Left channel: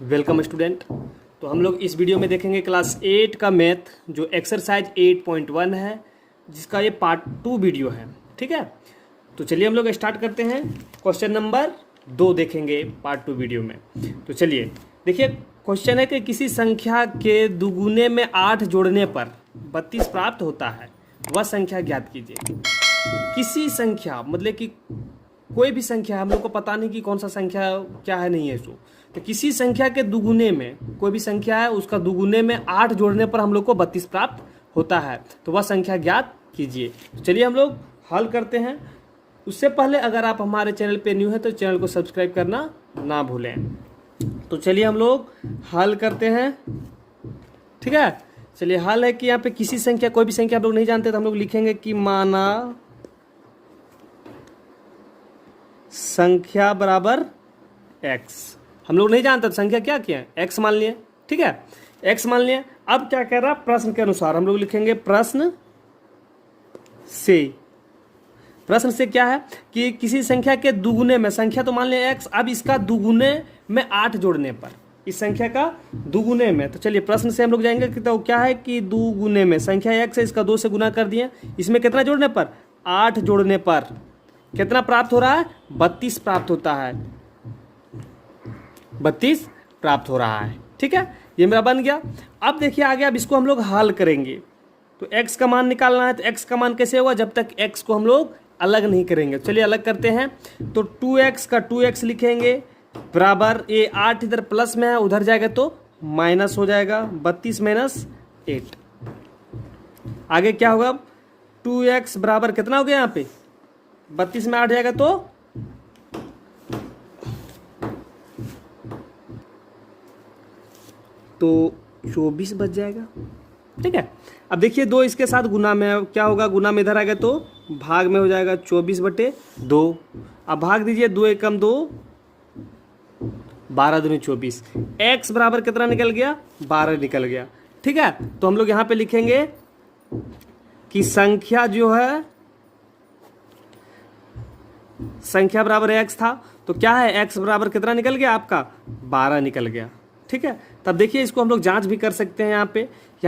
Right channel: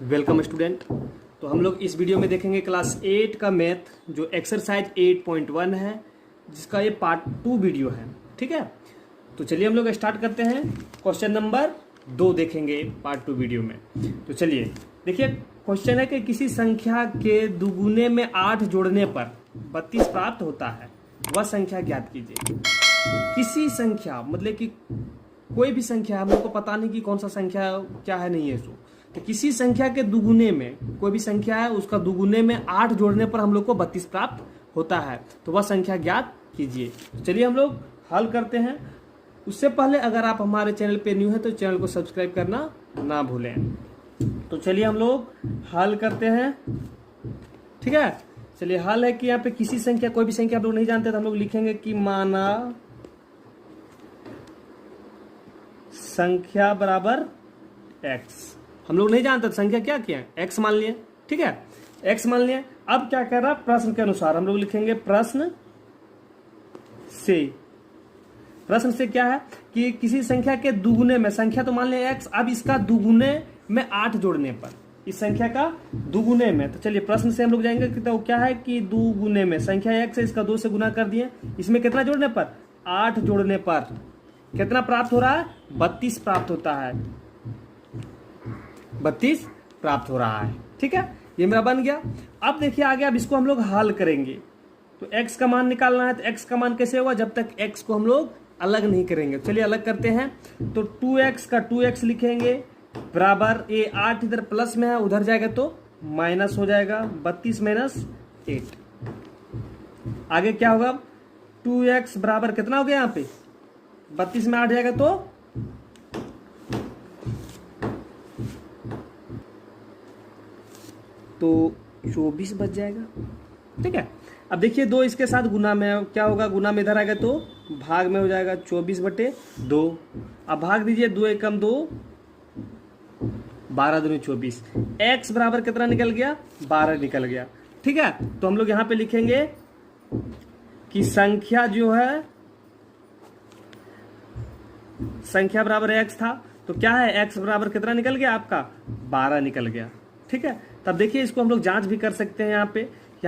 Welcome student. तो हम लोग इस वीडियो में देखेंगे क्लास 8 का मैथ जो एक्सरसाइज 8.1 है, जिसका ये पार्ट 2 वीडियो है। ठीक है, तो चलिए हम लोग स्टार्ट करते हैं। क्वेश्चन नंबर 2 देखेंगे पार्ट 2 वीडियो में। तो चलिए देखिए, क्वेश्चन है कि किसी संख्या के दुगुने में 8 जोड़ने पर 32 प्राप्त होता है, वह संख्या ज्ञात कीजिए। किसी संख्या मतलब कि कोई भी संख्या, हम लोग को पता नहीं कि कौन सा संख्या क्या है, नहीं है इसको। तो किसी संख्या के दुगुने में, कोई भी संख्या है उसका दुगुने में 8 जोड़ने पर हम लोग को 32 प्राप्त होता है, तो वह संख्या ज्ञात कीजिए। चलिए हम लोग हल करते हैं। उससे पहले अगर आप हमारे चैनल पे न्यू हैं तो चैनल को सब्सक्राइब करना ना भूलें। तो चलिए हम लोग हल करते हैं। ठीक है, चलिए हल है कि यहाँ पे किसी संख्या, कोई भी संख्या हम लोग नहीं जानते तो हम लोग लिखेंगे कि माना संख्या बराबर x। हम लोग नहीं जानते तो संख्या क्या किया है, x मान लिए। ठीक है, x मान लिए। अब क्या कह रहा है, प्रश्न के अनुसार हम लोग लिखेंगे प्रश्न से। प्रश्न से क्या है कि किसी संख्या के दुगुने में, संख्या तो मान लिया x, अब इसका दुगुने में 8 जोड़ने पर, इस संख्या का दुगुने में। तो चलिए प्रश्न से हम लोग जाएंगे कि तो क्या है कि दुगुने में संख्या x है, इसका 2 से गुना कर दिए, इसमें कितना जोड़ने पर, 8 जोड़ने पर कितना प्राप्त हो रहा है, 32 प्राप्त होता है, 32 प्राप्त हो रहा है। ठीक है, ये मेरा बन गया। अब देखिए आगे, अब इसको हम लोग हल करेंगे। तो x का मान निकालना है, तो x का मान कैसे हुआ, जब तक x को हम लोग अलग नहीं करेंगे। चलिए अलग करते हैं। तो 2x का 2x लिखेंगे बराबर, ये 8 इधर प्लस में है, उधर जाएगा तो माइनस हो जाएगा, 32 माइनस 8। आगे क्या होगा, 2x बराबर कितना हो गया, यहाँ पे 32 में 8 जाएगा तो 24 बच जाएगा। ठीक है, अब देखिए 2 इसके साथ गुना में, क्या होगा, गुना में इधर आएगा तो भाग में हो जाएगा, 24/2। अब भाग दीजिए, 2 एकम 2, 12 दूनी 24। x बराबर कितना निकल गया, 12 निकल गया। ठीक है, तो हम लोग यहां पे लिखेंगे कि संख्या जो है, संख्या बराबर x था, तो क्या है, x बराबर कितना निकल गया आपका, 12 निकल गया। ठीक है, तब देखिए इसको हम लोग जांच भी कर सकते हैं। यहाँ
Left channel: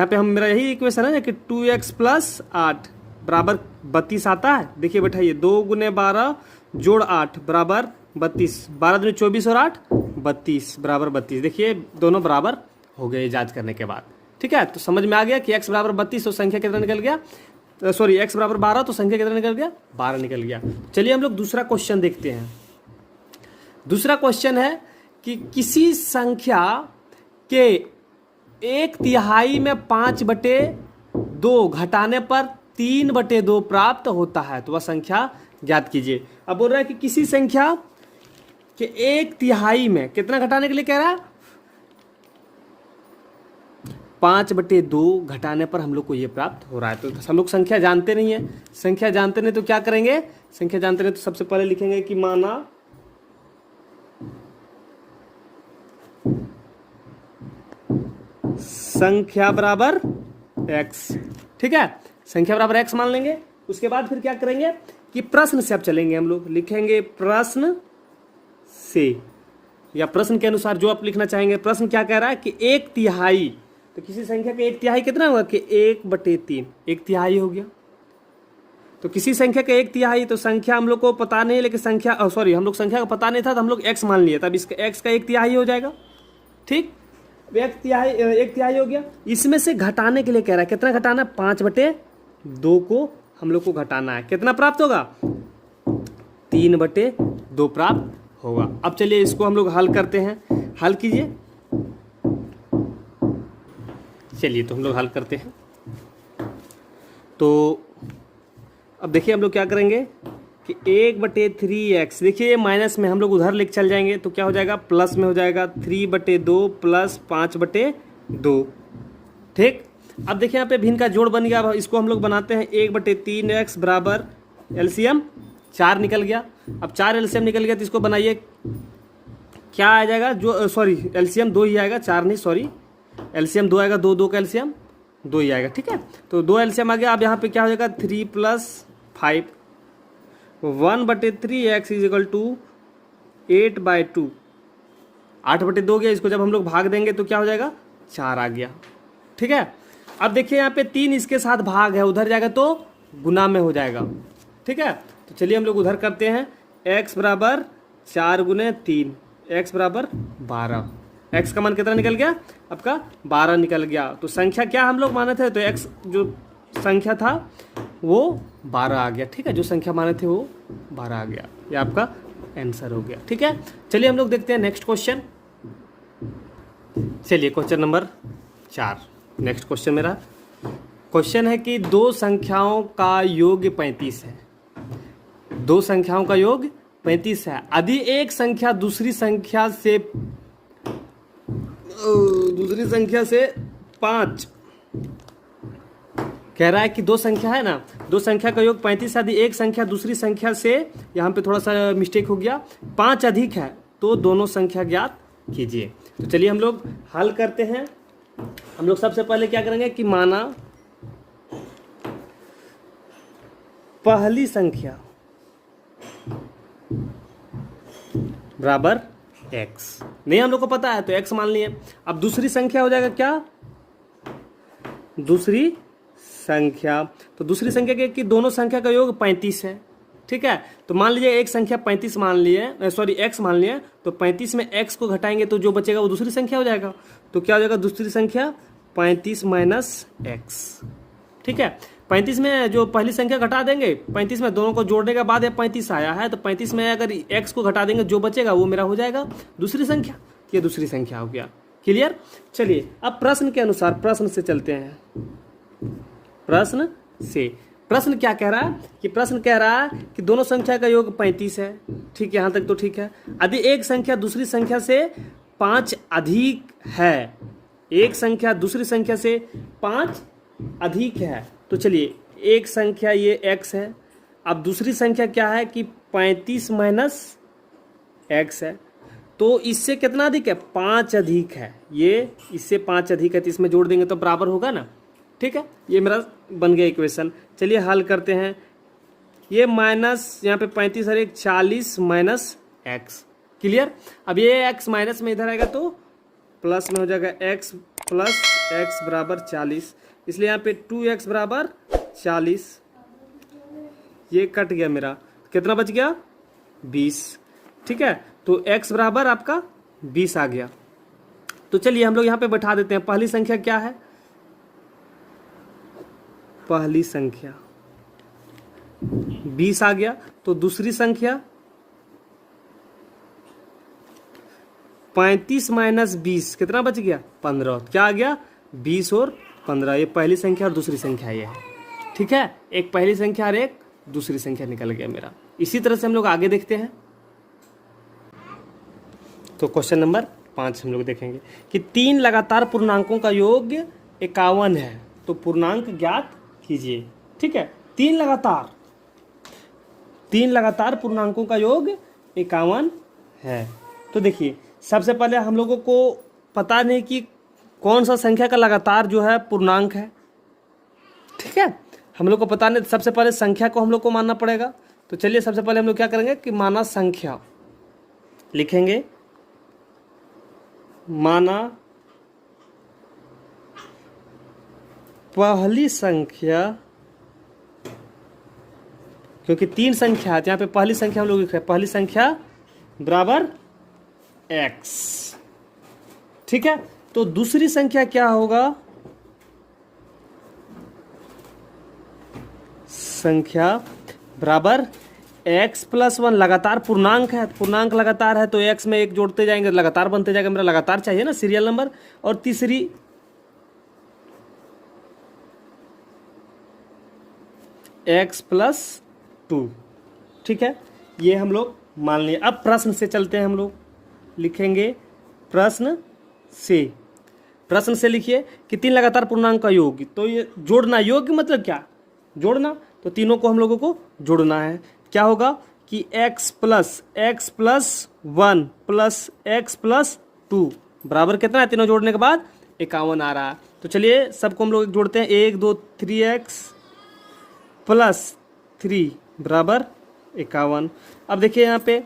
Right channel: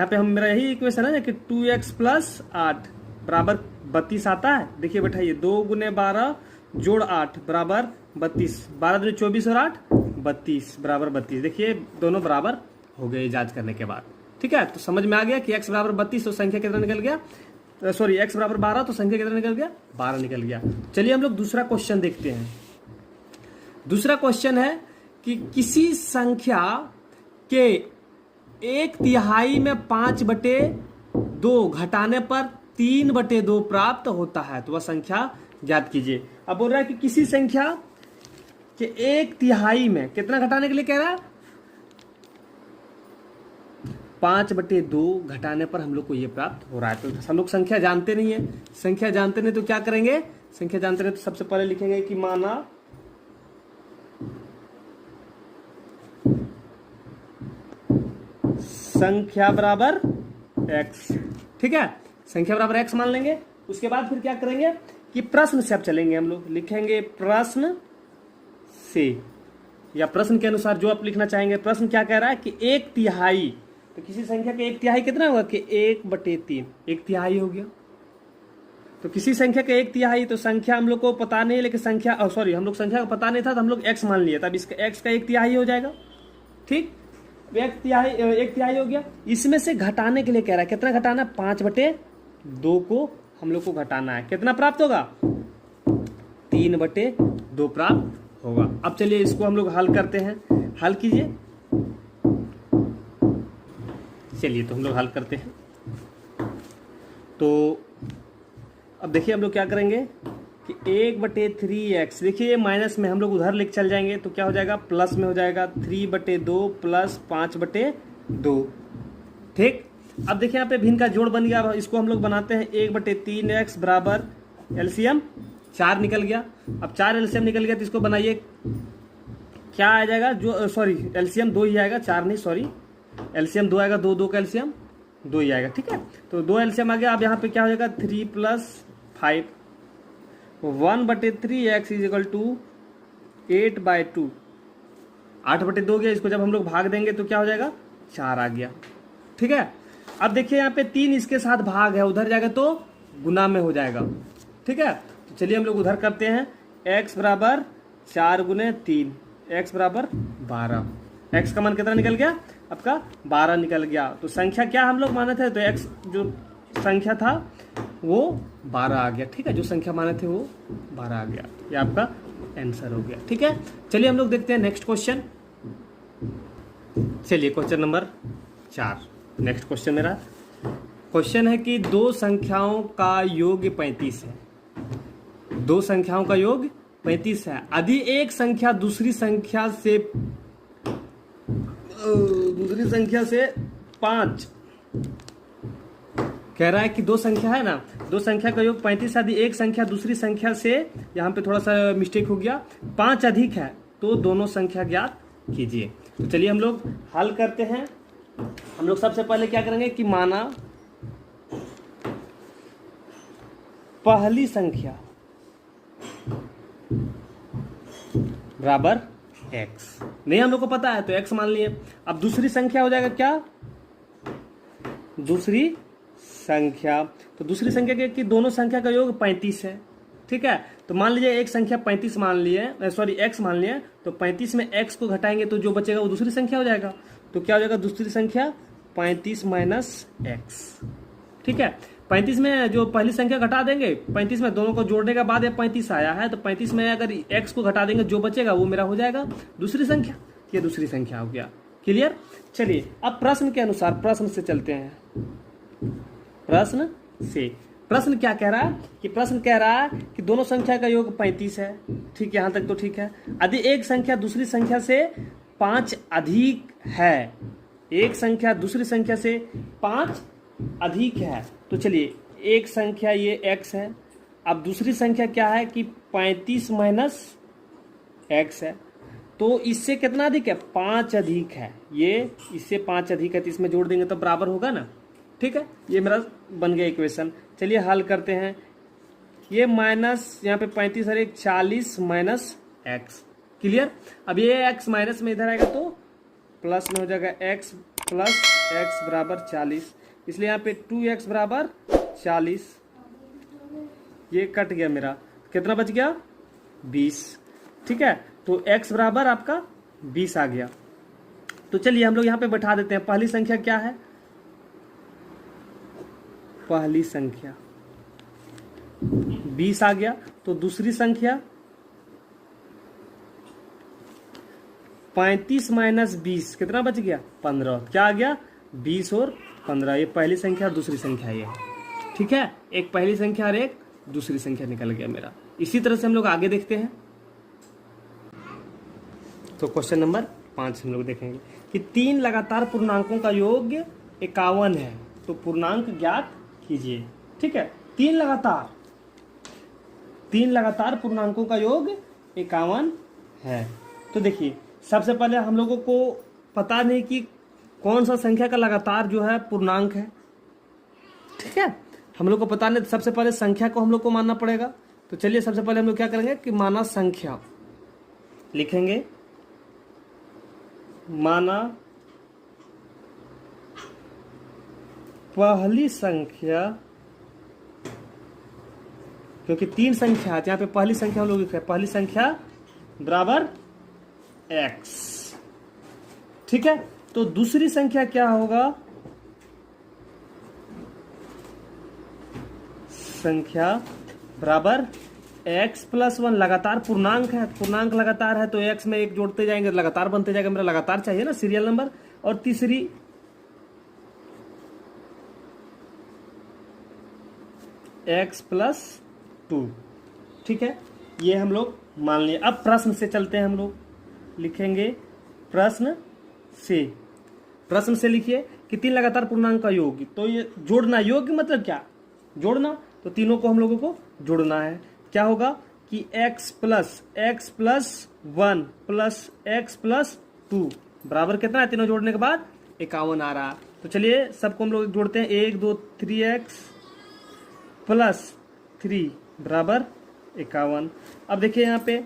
पे हम, मेरा यही इक्वेशन है ना कि 2x + 8 बराबर 32 आता है। देखिए बैठाइए, 2 × 12 + 8 बराबर 32, 12 दूनी 24 और 8 32 बराबर 32। देखिए दोनों बराबर हो गए जांच करने के बाद। ठीक है, तो समझ में आ गया कि x बराबर 32 तो संख्या कितना निकल गया, सॉरी x बराबर 12 तो संख्या कितना निकल गया, 12 निकल गया। चलिए हम लोग दूसरा क्वेश्चन देखते हैं। दूसरा क्वेश्चन है कि किसी संख्या के 1/3 में 5/2 घटाने पर 3/2 प्राप्त होता है, तो वह संख्या ज्ञात कीजिए। अब बोल रहा है कि किसी संख्या के 1/3 में कितना घटाने के लिए कह रहा है, 5/2 घटाने पर हम लोग को ये प्राप्त हो रहा है। तो हम लोग संख्या जानते नहीं है, संख्या जानते नहीं तो क्या करेंगे, संख्या जानते नहीं तो सबसे पहले लिखेंगे कि माना संख्या बराबर x। ठीक है, संख्या बराबर x मान लेंगे। उसके बाद फिर क्या करेंगे कि प्रश्न से अब चलेंगे, हम लोग लिखेंगे प्रश्न से, या प्रश्न के अनुसार जो आप लिखना चाहेंगे। प्रश्न क्या कह रहा है कि 1/3, तो किसी संख्या के 1/3 कितना होगा कि 1/3, 1/3 हो गया। तो किसी संख्या के 1/3, तो संख्या हम लोग को पता नहीं है, लेकिन संख्या, सॉरी हम लोग संख्या का पता नहीं था तो हम लोग x मान लिए, तब इसका x का 1/3 हो जाएगा। ठीक, 1/3 हो गया। इसमें से घटाने के लिए कह रहा है, कितना घटाना, 5/2 को हम लोग को घटाना है। कितना प्राप्त होगा, 3/2 प्राप्त होगा। अब चलिए इसको हम लोग हल करते हैं। हल कीजिए। चलिए तो हम लोग हल करते हैं। तो अब देखिए हम लोग क्या करेंगे कि 1/3x, देखिए माइनस में हम लोग उधर लेके चल जाएंगे तो क्या हो जाएगा, प्लस में हो जाएगा, 3/2 + 5/2। ठीक, अब देखिए यहाँ पे भिन्न का जोड़ बन गया। अब इसको हम लोग बनाते हैं, 1/3x बराबर एलसीएम 4 निकल गया। अब 4 एलसीएम निकल गया तो इसको बनाइए, क्या आ जाएगा, जो सॉरी एलसीएम 2 ही आएगा, 4 नहीं, सॉरी एलसीएम 2 आएगा, 2 का एलसीएम 2 ही आएगा। ठीक है, तो 2 एलसीएम आ गया। अब यहाँ पे क्या हो जाएगा, 3 + 5, 1/3x = 8/2 8/2 गया, इसको जब हम लोग भाग देंगे तो क्या हो जाएगा, 4 आ गया। ठीक है, अब देखिए यहाँ पे 3 इसके साथ भाग है, उधर जाएगा तो गुना में हो जाएगा। ठीक है, तो चलिए हम लोग उधर करते हैं। x बराबर 4 गुने 3, x बराबर 12। x का मान कितना निकल गया आपका, 12 निकल गया। तो संख्या क्या हम लोग माने थे, तो x जो संख्या था वो 12 आ गया। ठीक है, जो संख्या माने थे वो 12 आ गया, ये आपका आंसर हो गया। ठीक है, चलिए हम लोग देखते हैं नेक्स्ट क्वेश्चन। चलिए क्वेश्चन नंबर 4, नेक्स्ट क्वेश्चन मेरा क्वेश्चन है कि दो संख्याओं का योग 35 है। दो संख्याओं का योग 35 है। यदि एक संख्या दूसरी संख्या से 5 कह रहा है कि दो संख्या है ना, दो संख्या का योग 35 है। यदि एक संख्या दूसरी संख्या से, यहाँ पे थोड़ा सा मिस्टेक हो गया, 5 अधिक है तो दोनों संख्या ज्ञात कीजिए। तो चलिए हम लोग हल करते हैं। हम लोग सबसे पहले क्या करेंगे कि माना पहली संख्या बराबर x, नहीं हम लोग को पता है तो x मान लिए। अब दूसरी संख्या हो जाएगा क्या, दूसरी संख्या, तो दूसरी संख्या की दोनों संख्या का योग 35 है। ठीक है, तो मान लीजिए एक संख्या 35 मान लिए, सॉरी x मान लिए, तो 35 में x को घटाएंगे तो जो बचेगा वो दूसरी संख्या हो जाएगा। तो क्या हो जाएगा, दूसरी संख्या 35 माइनस x। ठीक है, 35 में जो पहली संख्या घटा देंगे, 35 में दोनों को जोड़ने के बाद ये 35 आया है, तो 35 में अगर x को घटा देंगे जो बचेगा वो मेरा हो जाएगा दूसरी संख्या, ये दूसरी संख्या हो गया। क्लियर। चलिए अब प्रश्न के अनुसार प्रश्न से चलते हैं। प्रश्न से, प्रश्न क्या कह रहा है कि प्रश्न कह रहा है कि दोनों संख्या का योग 35 है। ठीक है, यहां तक तो ठीक है। यदि एक संख्या दूसरी संख्या से 5 अधिक है, एक संख्या दूसरी संख्या से 5 अधिक है, तो चलिए एक संख्या ये x है, अब दूसरी संख्या क्या है कि 35 माइनस x है, तो इससे कितना अधिक है, 5 अधिक है। ये इससे 5 अधिक है तो इसमें जोड़ देंगे तो बराबर होगा ना। ठीक है, ये मेरा बन गया इक्वेशन। चलिए हल करते हैं। ये माइनस यहाँ पे 35 और 40 माइनस x। क्लियर। अब ये x माइनस में इधर आएगा तो प्लस में हो जाएगा x प्लस x बराबर 40, इसलिए यहाँ पे 2x बराबर 40। ये कट गया मेरा, कितना बच गया, 20। ठीक है, तो x बराबर आपका 20 आ गया। तो चलिए हम लोग यहाँ पे बैठा देते हैं। पहली संख्या क्या है, पहली संख्या 20 आ गया, तो दूसरी संख्या 35 माइनस 20 कितना बच गया, 15। क्या आ गया, 20 और 15। ये पहली संख्या और दूसरी संख्या ये है। ठीक है, एक पहली संख्या और एक दूसरी संख्या निकल गया मेरा। इसी तरह से हम लोग आगे देखते हैं। तो क्वेश्चन नंबर 5 हम लोग देखेंगे कि 3 लगातार पूर्णांकों का योग 51 है, तो पूर्णांक ज्ञात कीजिए। ठीक है, 3 लगातार पूर्णांकों का योग 51 है। तो देखिए सबसे पहले हम लोगों को पता नहीं कि कौन सा संख्या का लगातार जो है पूर्णांक है। ठीक है, हम लोग को पता नहीं, सबसे पहले संख्या को हम लोग को मानना पड़ेगा। तो चलिए सबसे पहले हम लोग क्या करेंगे कि माना संख्या लिखेंगे, माना पहली संख्या, क्योंकि 3 संख्या है तो यहाँ पे पहली संख्या हम लोग लिखे, पहली संख्या बराबर x। ठीक है, तो दूसरी संख्या क्या होगा, संख्या बराबर x प्लस 1। लगातार पूर्णांक है, पूर्णांक लगातार है तो x में एक जोड़ते जाएंगे, लगातार बनते जाएगा। मेरा लगातार चाहिए ना, सीरियल नंबर। और तीसरी x प्लस 2। ठीक है, ये हम लोग मान लिए। अब प्रश्न से चलते हैं, हम लोग लिखेंगे प्रश्न से। प्रश्न से लिखिए कि 3 लगातार पूर्णांक का योग, तो ये जोड़ना, योग मतलब क्या, जोड़ना, तो तीनों को हम लोगों को जोड़ना है। क्या होगा कि x plus 1 plus x plus 2 बराबर कितना है, तीनों जोड़ने के बाद 51 आ रहा है। तो चलिए सबको हम लोग जोड़ते हैं। 1 2 3x प्लस 3 बराबर 51। अब देखिए यहाँ पे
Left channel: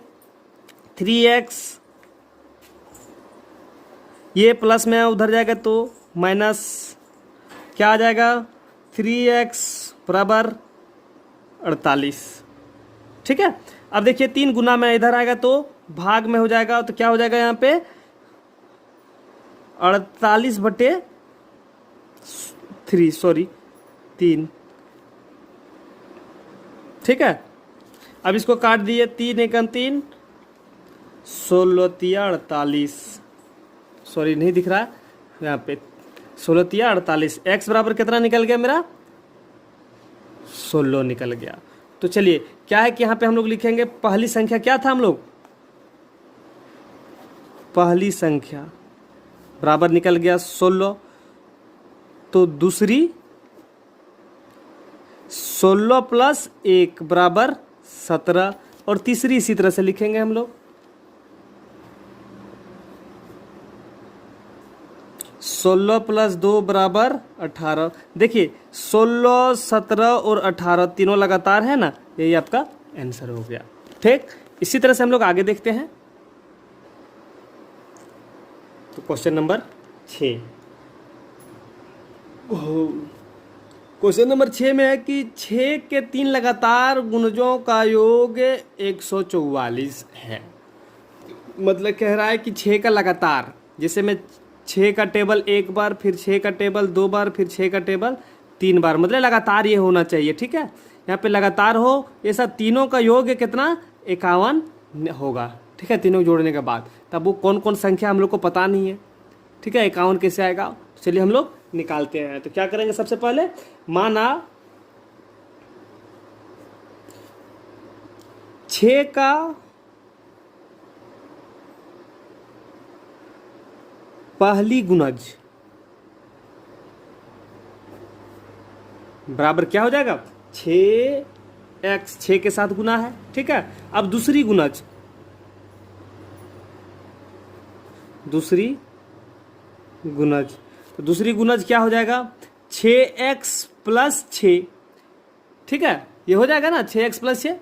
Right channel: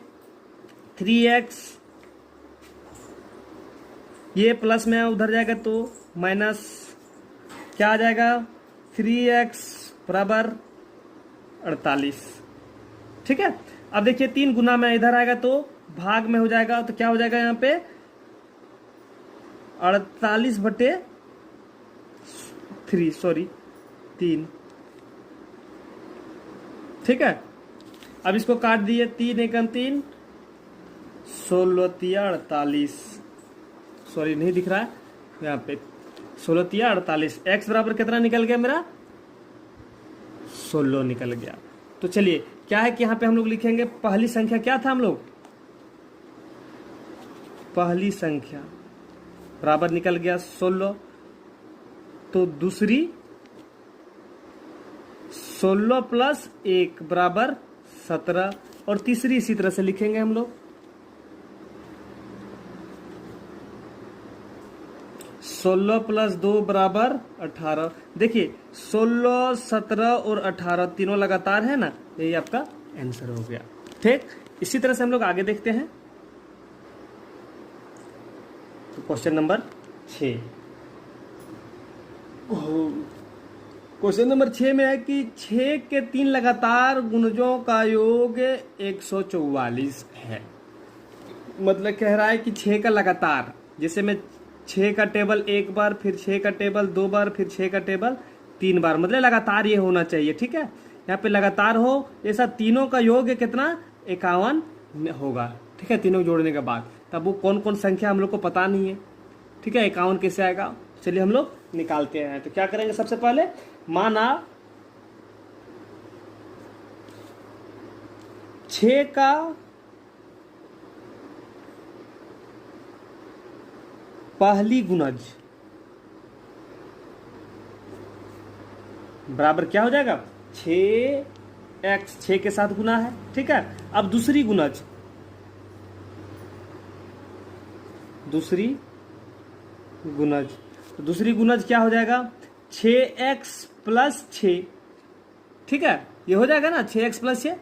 3x ये प्लस में उधर जाएगा तो माइनस क्या आ जाएगा, 3x बराबर 48। ठीक है, अब देखिए 3 गुना में इधर आएगा तो भाग में हो जाएगा, तो क्या हो जाएगा यहाँ पे 48/3। ठीक है, अब इसको काट दिए, 3 एकम 3, 16 तिया 48, सॉरी नहीं दिख रहा है यहाँ पे, 16 तिया 48। एक्स बराबर कितना निकल गया मेरा, 16 निकल गया। तो चलिए क्या है कि यहाँ पे हम लोग लिखेंगे पहली संख्या क्या था, हम लोग पहली संख्या बराबर निकल गया 16, तो दूसरी 16 + 1 बराबर 17, और तीसरी इसी तरह से लिखेंगे हम लोग 16 + 2 बराबर 18। देखिए 16, 17 और 18 तीनों लगातार है ना, यही आपका आंसर हो गया। ठीक, इसी तरह से हम लोग आगे देखते हैं। तो क्वेश्चन नंबर 6, क्वेश्चन नंबर 6 में है कि 6 के 3 लगातार गुणजों का योग 144 है। मतलब कह रहा है कि 6 का लगातार, जैसे मैं 6 का टेबल एक बार, फिर 6 का टेबल 2 बार, फिर 6 का टेबल 3 बार, मतलब लगातार ये होना चाहिए। ठीक है, यहाँ पे लगातार हो, ये सब तीनों का योग कितना 51 होगा। ठीक है, तीनों जोड़ने के बाद, तब वो कौन कौन संख्या हम लोग को पता नहीं है। ठीक है, 51 कैसे आएगा, चलिए हम लोग निकालते हैं। तो क्या करेंगे, सबसे पहले माना 6 का पहली गुणज बराबर क्या हो जाएगा, 6x, 6 के साथ गुना है। ठीक है, अब दूसरी गुणज, दूसरी गुणज क्या हो जाएगा, 6x + 6। ठीक है, ये हो जाएगा ना 6x + 6।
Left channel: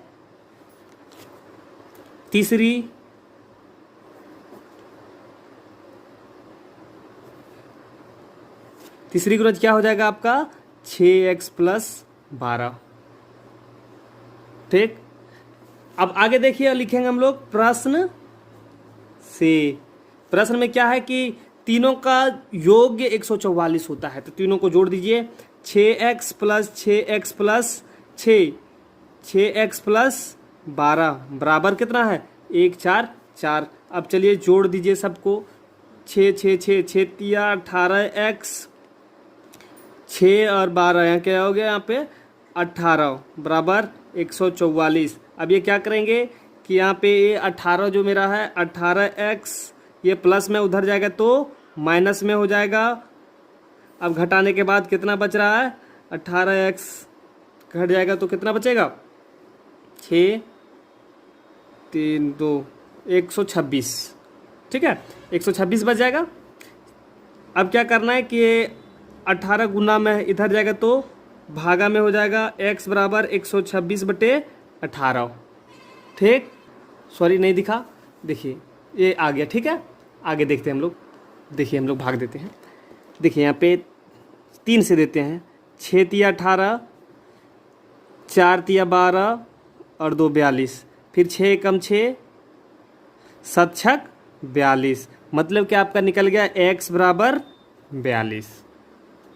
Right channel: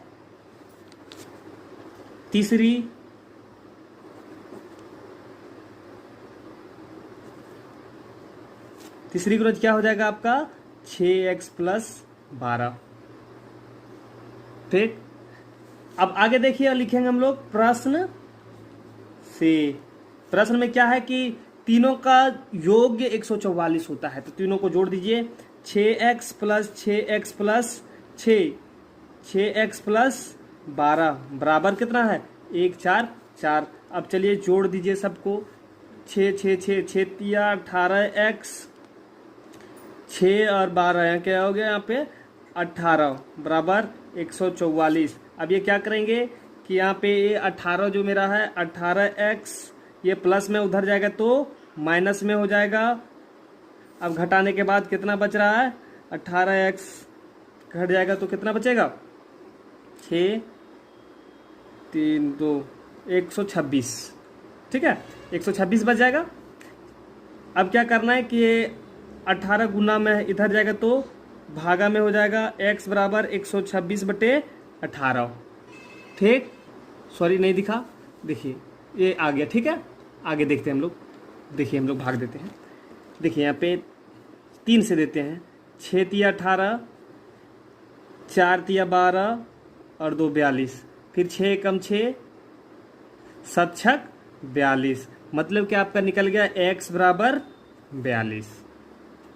तीसरी गुणज क्या हो जाएगा आपका, 6x + 12। ठीक, अब आगे देखिए, लिखेंगे हम लोग प्रश्न से। प्रश्न में क्या है कि तीनों का योग 144 होता है, तो तीनों को जोड़ दीजिए, 6x + 6x + 6, 6x + 12 बराबर कितना है, 1 4 4। अब चलिए जोड़ दीजिए सबको, 6 6 6 6 तिया 18x, 6 और 12 यहाँ क्या हो गया, यहाँ पे 18 बराबर 144। अब ये क्या करेंगे कि यहाँ पे ये 18 जो मेरा है 18x, ये प्लस में उधर जाएगा तो माइनस में हो जाएगा। अब घटाने के बाद कितना बच रहा है, 18x घट जाएगा तो कितना बचेगा, 6 3 2 126। ठीक है, 126 बच जाएगा। अब क्या करना है कि ये 18 गुना में इधर जाएगा तो भागा में हो जाएगा, x बराबर 126/18। ठीक, सॉरी नहीं दिखा, देखिए ये आ गया। ठीक है, आगे देखते हैं हम लोग। देखिए हम लोग भाग देते हैं, देखिए यहाँ पे 3 से देते हैं, 6 तिया 18, 4 तिया 12 और 2 42, फिर 6 एकम 6, 7 छक 42, मतलब कि आपका निकल गया x बराबर 42।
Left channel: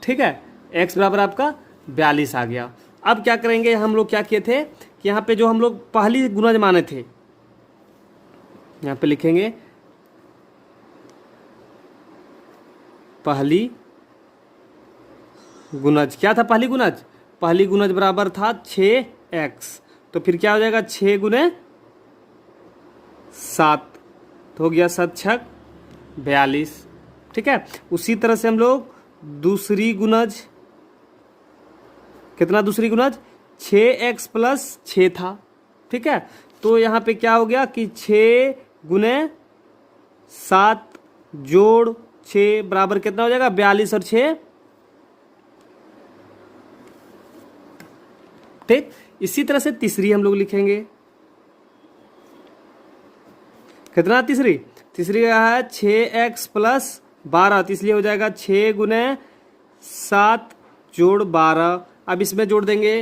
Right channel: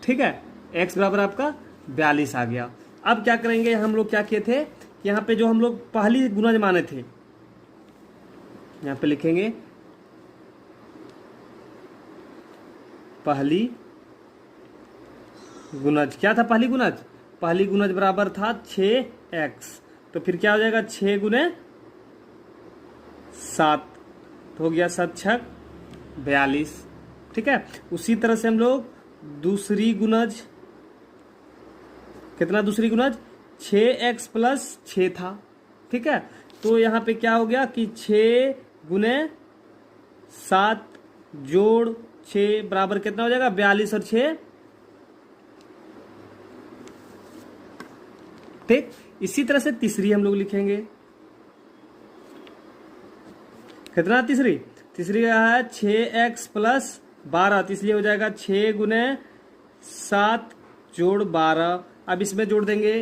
ठीक है, x बराबर आपका 42 आ गया। अब क्या करेंगे, हम लोग क्या किए थे कि यहाँ पे जो हम लोग पहली गुणज माने थे, यहाँ पे लिखेंगे पहली गुणज। क्या था पहली गुणज, पहली गुणज बराबर था 6x, तो फिर क्या हो जाएगा 6 × 7, तो हो गया 7 छक 42। ठीक है, उसी तरह से हम लोग दूसरी गुणज, कितना दूसरी गुणज, 6x + 6 था। ठीक है, तो यहाँ पे क्या हो गया कि 6 × 7 जोड़ 6 बराबर कितना हो जाएगा, 42 और 6। ठीक, इसी तरह से तीसरी हम लोग लिखेंगे, कितना तीसरी, तीसरी है 6x + 12, तो इसलिए हो जाएगा 6 गुने 7 जोड़ 12। अब इसमें जोड़ देंगे,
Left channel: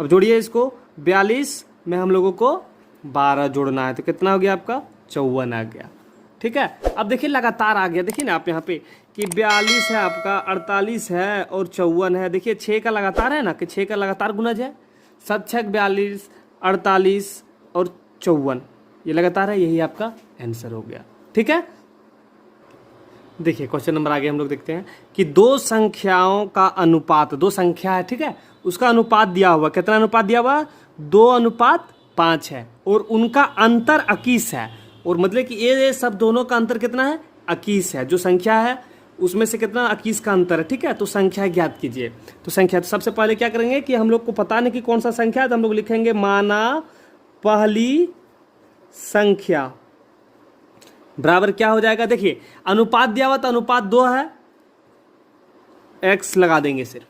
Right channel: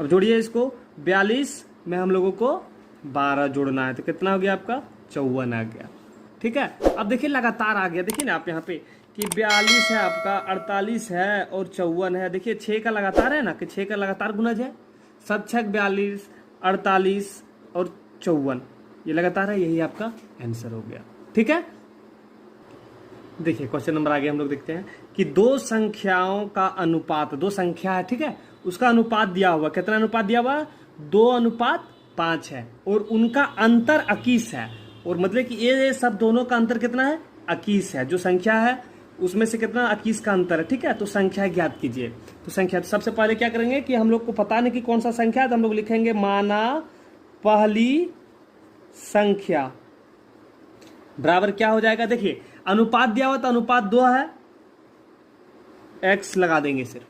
अब जोड़िए इसको, 42 में हम लोगों को 12 जोड़ना है, तो कितना हो गया आपका 54 आ गया। ठीक है, अब देखिए लगातार आ गया, देखिए ना आप यहाँ पे कि 42 है आपका, 48 है और 54 है। देखिए 6 का लगातार है ना, कि 6 का लगातार गुणज है, 7 6 42, 48 और 54, ये लगातार है, यही आपका आंसर हो गया। ठीक है, देखिए क्वेश्चन नंबर आगे हम लोग देखते हैं कि दो संख्याओं का अनुपात, दो संख्या है, ठीक है, उसका अनुपात दिया हुआ, कितना अनुपात दिया हुआ, 2:5 है, और उनका अंतर 21 है, और मतलब कि ये सब दोनों का अंतर कितना है, 21 है। जो संख्या है उसमें से कितना 21 का अंतर है। ठीक है, तो संख्या ज्ञात कीजिए। तो संख्या, तो सबसे पहले क्या करेंगे कि हम लोग को पता नहीं कि कौन सा संख्या है, तो हम लोग लिखेंगे माना पहली संख्या बराबर क्या हो जाएगा, देखिए अनुपात दिया हुआ तो अनुपात 2 है, x लगा देंगे सिर्फ,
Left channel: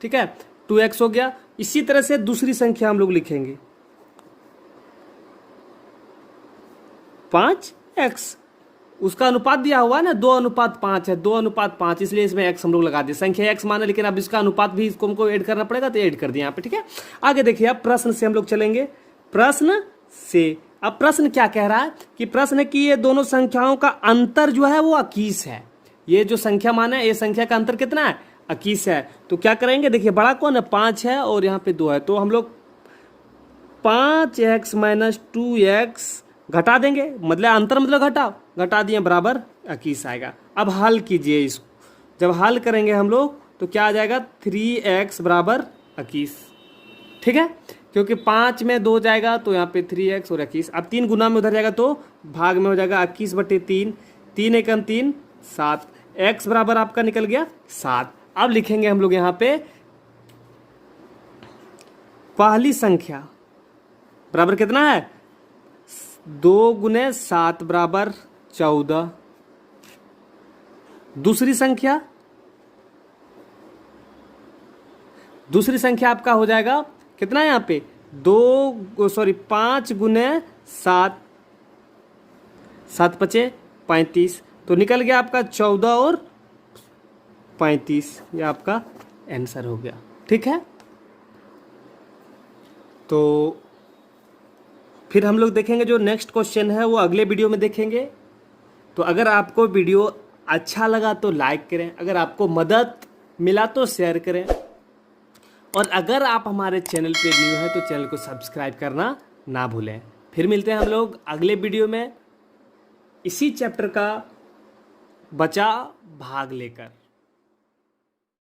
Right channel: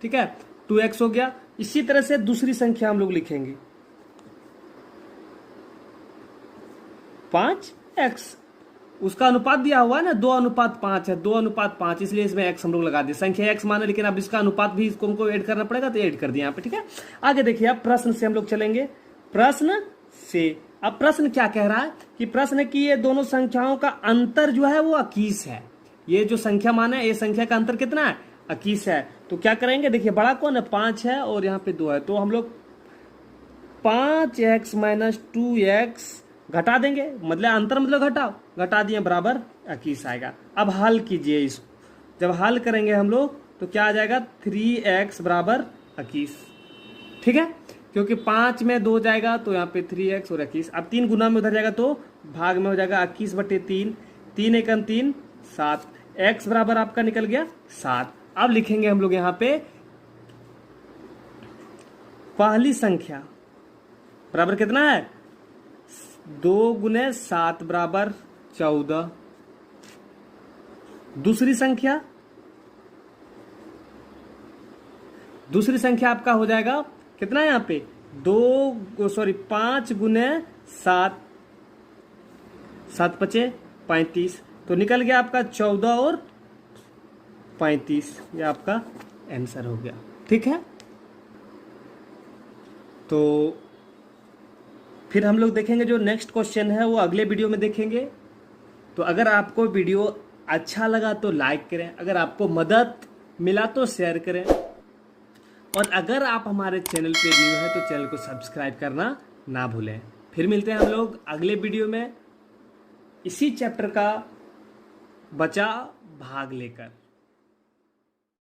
ठीक है, 2x हो गया। इसी तरह से दूसरी संख्या हम लोग लिखेंगे 5x, उसका अनुपात दिया हुआ है ना 2:5 है, 2:5, इसलिए इसमें x हम लोग लगा दिए, संख्या x माना, लेकिन अब इसका अनुपात भी इसको हमको ऐड करना पड़ेगा, तो ऐड कर दिया यहाँ पे। ठीक है, आगे देखिए आप प्रश्न से हम लोग चलेंगे, प्रश्न से। अब प्रश्न क्या कह रहा है कि प्रश्न है कि ये दोनों संख्याओं का अंतर जो है वो 21 है। ये जो संख्या माना है, ये संख्या का अंतर कितना है, 21 है। तो क्या करेंगे, देखिए बड़ा कौन है, 5 है और यहाँ पे 2 है, तो हम लोग 5x - 2x घटा देंगे, मतलब अंतर मतलब घटा दिए, बराबर 21 आएगा। अब हल कीजिए इसको, जब हल करेंगे हम लोग तो क्या आ जाएगा, 3x बराबर 21। ठीक है, क्योंकि 5 में 2 जाएगा तो यहाँ पे 3x और 21। अब 3 गुना में उधर जाएगा तो भाग में हो जाएगा 21/3, 3 × 3 7, x बराबर आपका निकल गया 7। अब लिखेंगे हम लोग यहाँ पे पहली संख्या बराबर कितना है, 2 × 7 बराबर 14। दूसरी संख्या आपका हो जाएगा कितना है यहाँ पे, 5 × 7, 7 × 5 = 35, तो निकल गया आपका 14 और 35, ये आपका आंसर हो गया। ठीक है, तो फिर हम लोग देखेंगे जो नेक्स्ट क्वेश्चन है वो अगले वीडियो में देखेंगे। तो अगर आपको वीडियो अच्छा लगा तो लाइक करें, अगर आपको मदद मिला तो शेयर करें, और अगर आप हमारे चैनल पे न्यू हैं तो चैनल को सब्सक्राइब करना ना भूलें। फिर मिलते हैं हम लोग अगले वीडियो में इसी चैप्टर का बचा भाग लेकर।